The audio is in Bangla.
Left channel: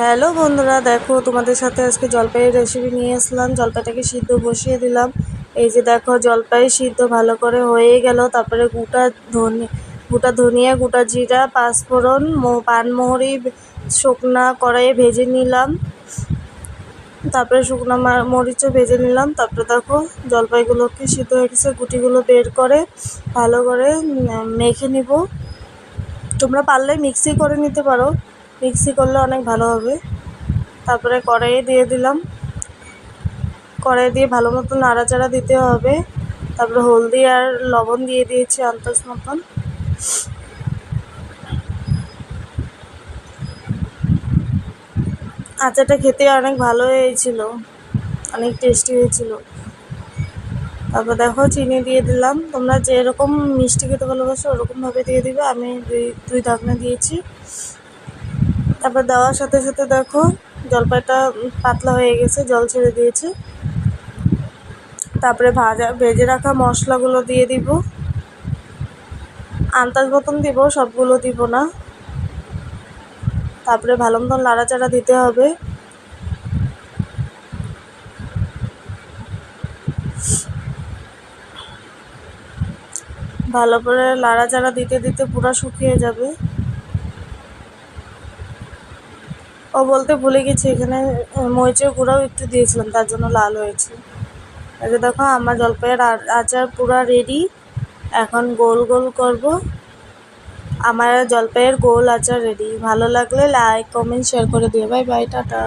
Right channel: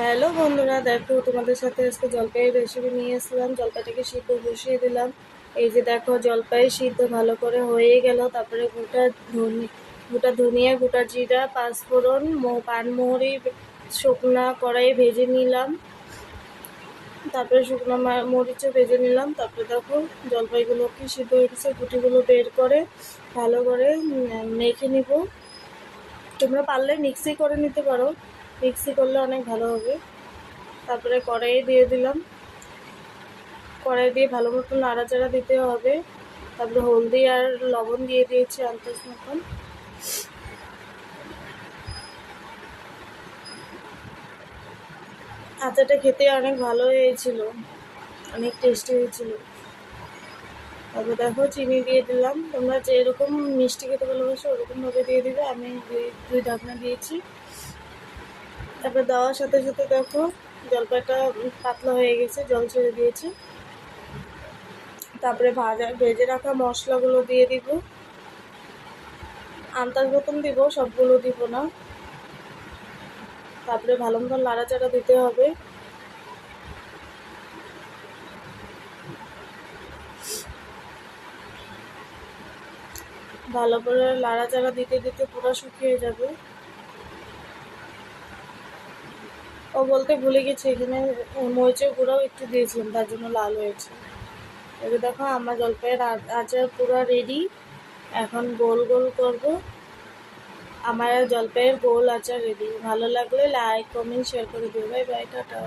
হ্যালো বন্ধুরা, দেখো তোমাদের সাথে আজকে জলপাইয়ের রেসিপি নিয়ে আসলাম। জলপাইটাকে সিদ্ধ বসিয়ে দিলাম। এই যে দেখো, জলপাই সিদ্ধ ভালো করে হয়ে গেল। তারপরে গোটা ধনিয়া, গোটা জিরা, পাঁচফোড়ন, পানমুহুরি শুকনা কড়াইয়ে ভেজে নিলাম। তারপরে শুকনো মরিচও ভেজে নিলাম। তারপরে দেখো, জলপাইগুলোকে সিদ্ধ হয়ে গেছে, গুটিগুলো বের করে ভালো করে মেখে নিব। তোমরা পারলে মিক্সি করে নিতে পারো, মিক্সি করলে অনেক ভালো হবে। তারপরে কড়াইয়ে দিয়ে দিলাম, কড়াইয়ে দিয়ে ভালো মতো নাড়াচাড়া দিতে হবে। তারপরে হলদি আর লবণ দিয়ে দিয়েছি আন্দাজ মতন। আচারটা খেতে অনেক ভালো হয়েছিল, অনেক টেস্টি হয়েছিল। তারপর দেখো, চিনি দিয়ে দিলাম। তোমরা যেরকম মিষ্টি খেতে ভালোবাসো ওরকমভাবে দিয়ে দিবে। আমি দুই ঢাকনা দিয়েছি। তারপর দেওয়ার সাথে সাথে দেখো, জলপাইটা পাতলা হয়ে গেছে, জল ছেড়ে দিয়েছে। তারপরে ভেজে রাখা মশলাগুলো দিয়ে দিব, আন্দাজ মতন দিব, সবগুলো দিব না। তারপরে ভালো মতন নাড়াচাড়া দিতে হবে। ভালো করে নাড়াচাড়া দিতে দিতে পুরো শুকিয়ে যাবে। বলতে ভুলে গেছি, এখানে মরিচের গুঁড়াও একটু দিয়েছিলাম, তার জন্য লাল হয়েছে। এই যে দেখো, আমার জলপাইয়ের আচার পুরো রেডি। এখন গোল গোল করব। আমার জলপাইয়ের গোল আচার রেডি। ভালো লাগলে লাইক, কমেন্ট, শেয়ার করে দিও। Bye bye, tata.